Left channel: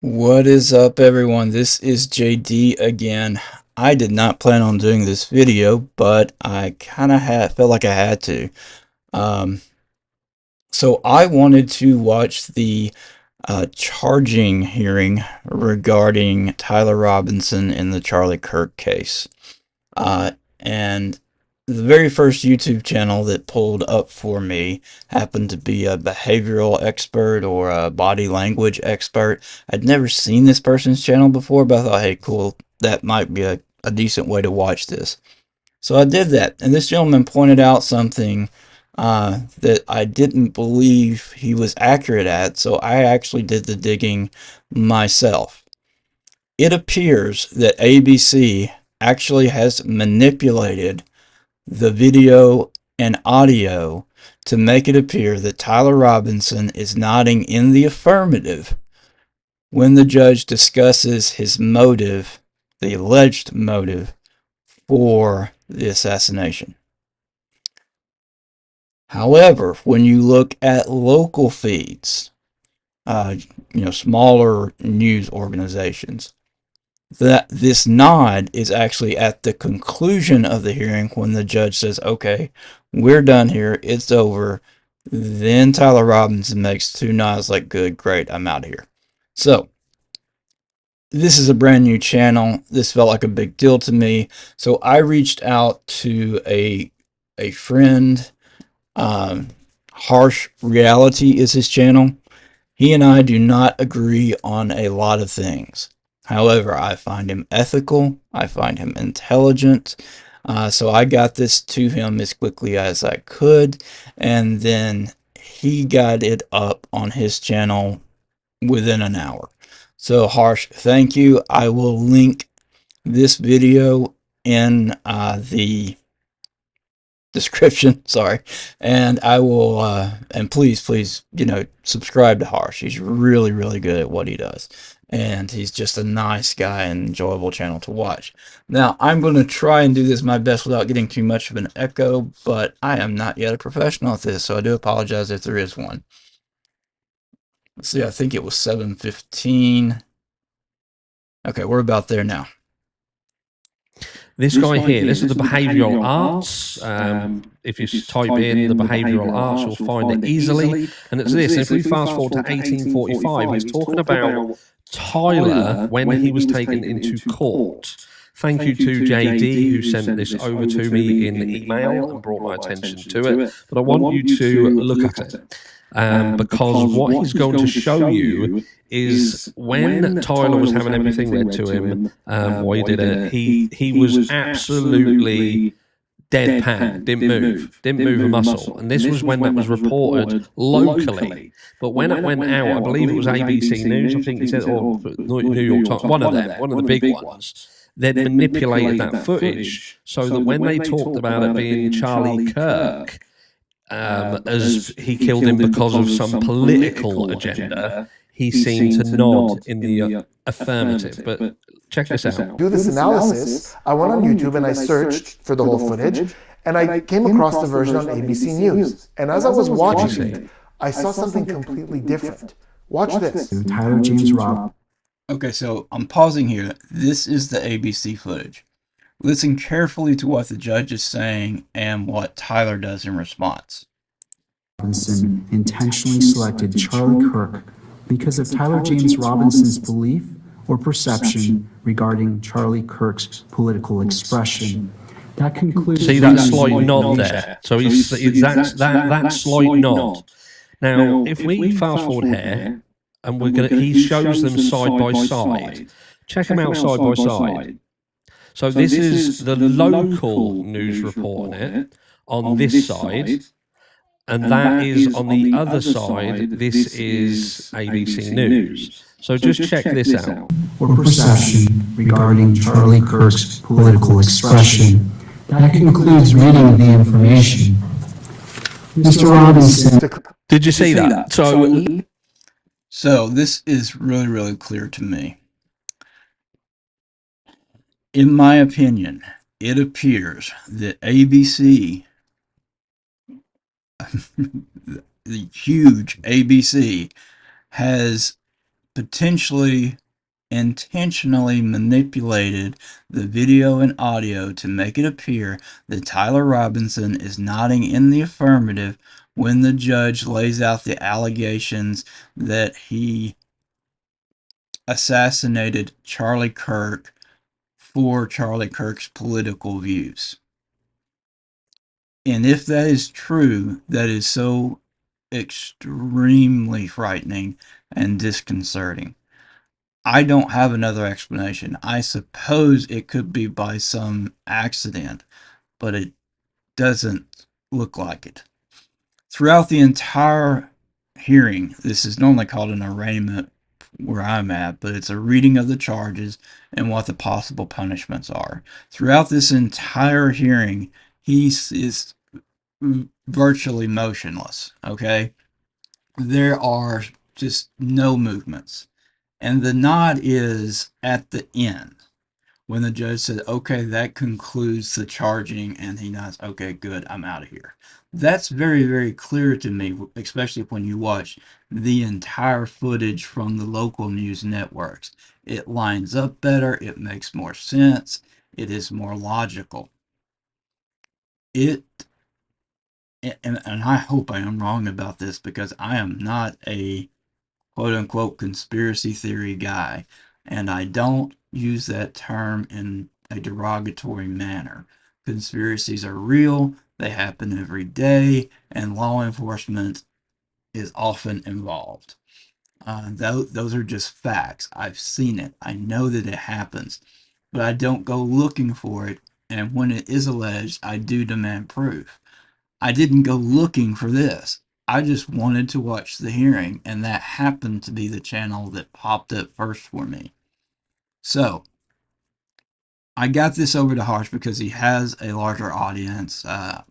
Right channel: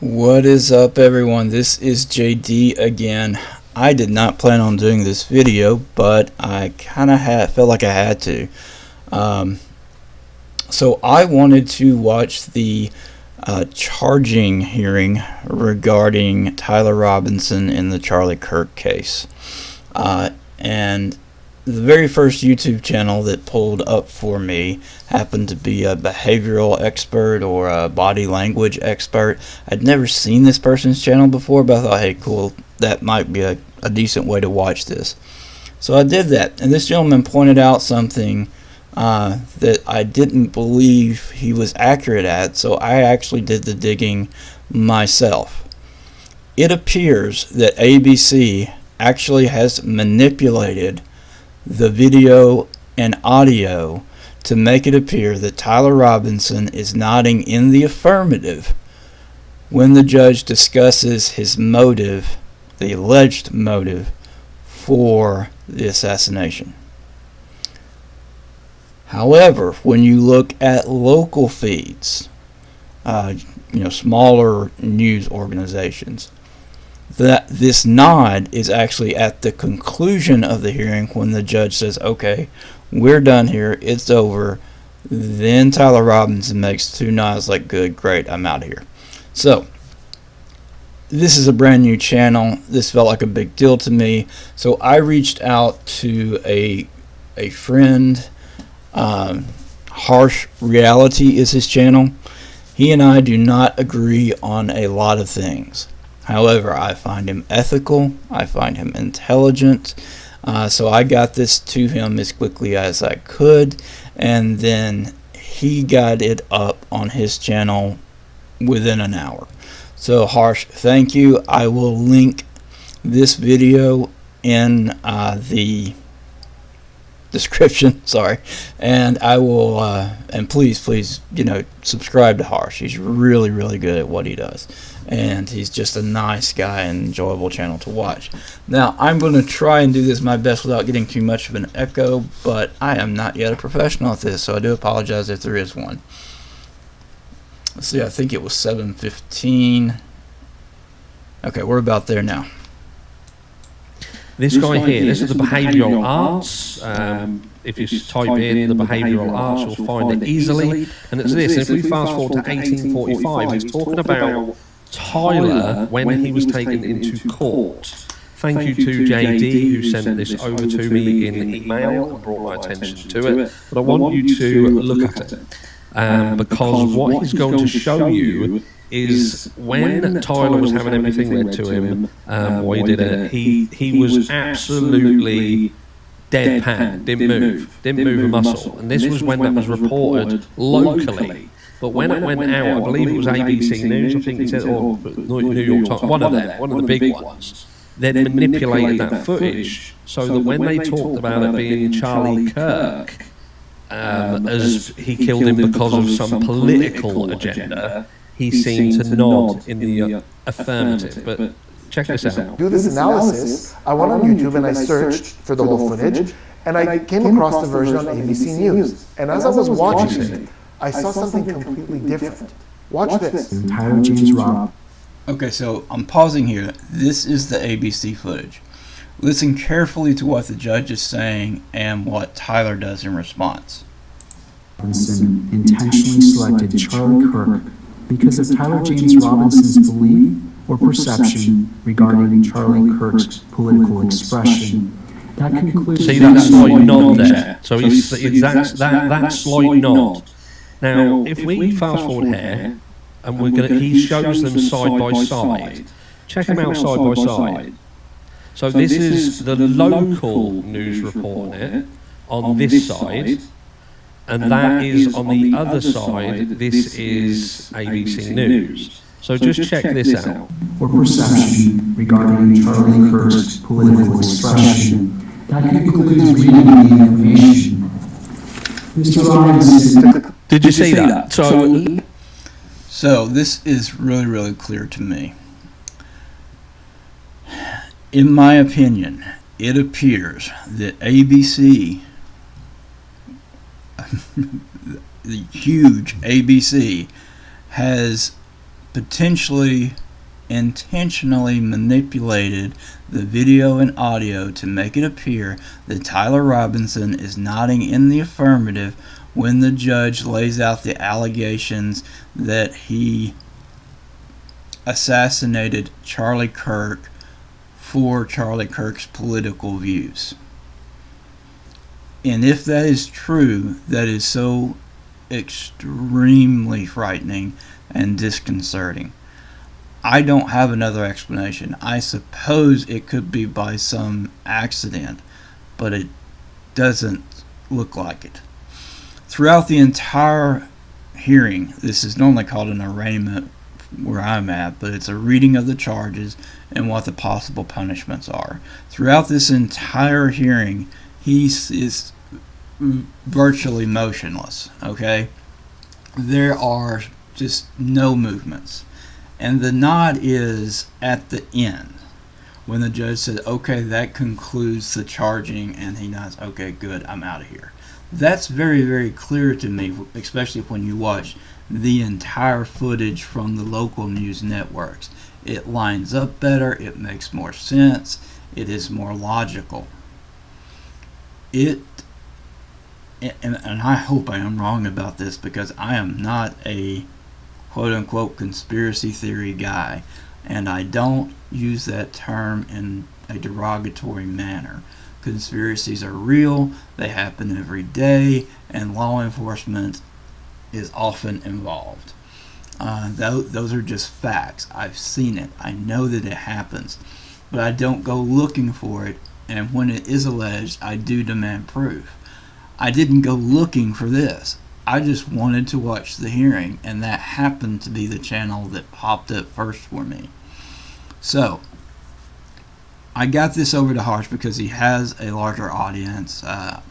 What is up, everyone? This is JD again. I did not plan on doing this video, but I kind of felt like I had to. Um, so I wanted to watch the charging hearing regarding Tyler Robinson in the Charlie Kirk case. And the very first YouTube channel that pulled up for me happened to be a behavioral expert or a body language expert. I'd never seen this person's channel before, but I thought, hey, cool, that might be a decent way to watch this. So I did that, and this gentleman pointed out something that I didn't believe he was accurate at, so I actually did the digging myself. It appears that ABC actually has manipulated the video and audio to make it appear that Tyler Robinson is nodding in the affirmative when the judge discusses his motive, the alleged motive, for the assassination. However, when you look at local feeds, smaller news organizations, that this nod is actually at the conclusion of the hearing when the judge says, okay, we're done here, it's over. Then Tyler Robinson makes two nods like, good, great, I'm out of here. So this is a brand new channel. This felt like a big deal to me, so I reached out to a friend. Harsh Reality is his channel. He and I do not agree on a lot of things. However, I find him ethical, I find him intelligent, so I got this to him as quickly as I could, and then he got it up on his channel within an hour. So Harsh, thank you. I will link this video in the description, sorry, and I will and please subscribe to Harsh. He's really good at what he does, and he's just a nice guy and enjoyable channel to watch. Now I'm going to try and do this my best without getting too much of an echo, but I am not yet a professional at this, so I do apologize if there is one. Let's see, I think it was 7:15. Okay, we're about there now. This guy here, this is the behavioural arts. If you type in the behavioural arts, you'll find it easily. And it's this. And if we fast forward to 1845, he's talking about Tyler when he was taken into court. Thank you to JD who sent this over to me in email and brought my attention to it. But I want you to look at it. Because what he's going to show you is when Tyler was having everything read to him, while he did it, he was absolutely deadpan, didn't move a muscle. And this was when that was reported locally. But when it went out, I believe it was ABC News, I think he said, or New York Times, one of the big ones, they'd manipulated that footage so that when they talked about it being Charlie Kirk, as he killed him because of some political agenda, he seemed to nod in the affirmative. But check this out. Do this analysis, I went on YouTube and I searched for the whole footage, and I came across the version on ABC News. And as I was watching it, I saw something completely different. Watch this. Tyler James Robb. Okay, so I'm pausing here. This is the ABC footage. Listen carefully to what the judge is saying and what Tyler does in response. Robinson intentionally selected Charlie Kirk because of Tyler James Robinson's belief or perception regarding Charlie Kirk's political expression. That concludes. See that slight nod there? So he's that slight nod. Now, if we fast forward here, and he shows them side by side. Check them out side by side. So this is the local news reporting it on this side, and that is on the other side. This is ABC News. So just check this out. Or perception regarding Charlie Kirk's political expression. That concludes reading the information. Mr. Robinson. Did you see that? So this is really clear to me. In my opinion, it appears that ABC, the huge ABC, has potentially intentionally manipulated the video and audio to make it appear that Tyler Robinson is nodding in the affirmative when the judge lays out the allegations that he assassinated Charlie Kirk for Charlie Kirk's political views. And if that is true, that is so extremely frightening and disconcerting. I don't have another explanation. I suppose it could be by some accident, but it doesn't look like it. Throughout the entire hearing, this is normally called an arraignment where I'm at, but it's a reading of the charges and what the possible punishments are. Throughout this entire hearing, he is virtually motionless, okay? There are just no movements. And the nod is at the end, when the judge said, okay, that concludes the charging, and he nods, okay, good, I'm out of here. That's very, very clear to me, especially when you watch the entire footage from the local news networks. It lines up better, it makes more sense, it is more logical. And I hope I am wrong about this, because I am not a quote-unquote conspiracy theory guy, and I don't use that term in a derogatory manner. Conspiracies are real, they happen every day, and law enforcement is often involved. Those are just facts. I've seen it. I know that it happens, but I don't go looking for it, and when it is alleged, I do demand proof. I didn't go looking for this. I just wanted to watch the hearing, and that happened to be the channel that popped up first for me. So, I got this over to Harsh because he has a larger audience.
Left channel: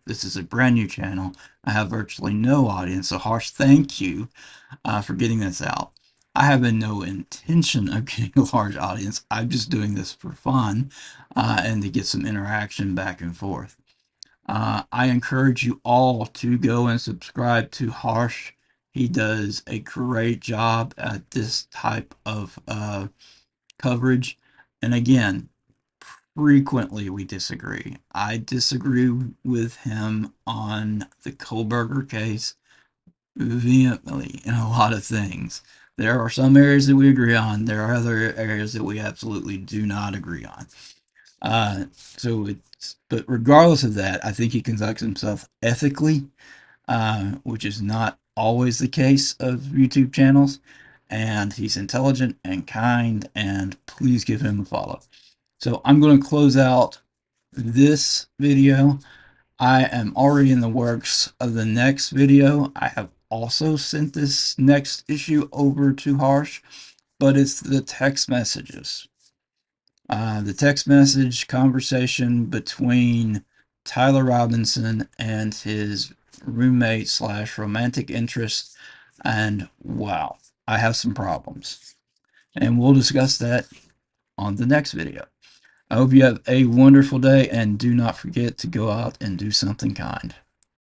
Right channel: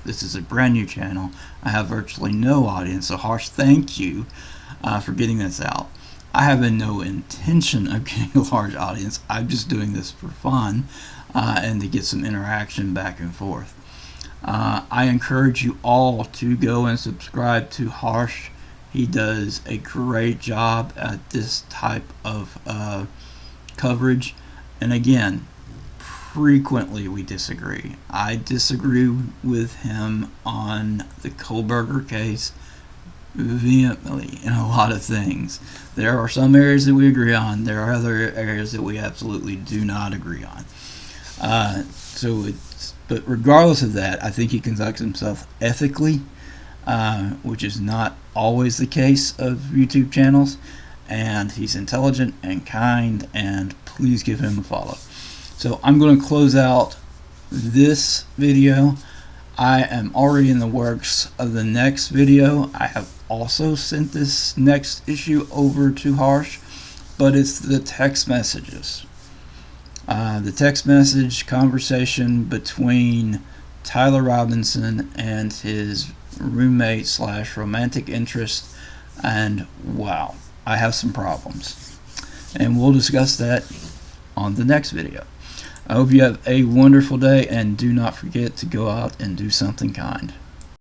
This is a brand new channel. I have virtually no audience, so Harsh, thank you for getting this out. I have no intention of getting a large audience. I'm just doing this for fun and to get some interaction back and forth. I encourage you all to go and subscribe to Harsh. He does a great job at this type of coverage. And again, frequently we disagree. I disagree with him on the Kohlberger case vehemently in a lot of things. There are some areas that we agree on. There are other areas that we absolutely do not agree on. But regardless of that, I think he conducts himself ethically, which is not always the case of YouTube channels. And he's intelligent and kind, and please give him a follow. So I'm going to close out this video. I am already in the works of the next video. I have also sent this next issue over to Harsh, but it's the text messages. The text message conversation between Tyler Robinson and his roommate / romantic interest, and wow, I have some problems. And we'll discuss that on the next video. I hope you have a wonderful day, and do not forget to go out and do something kind.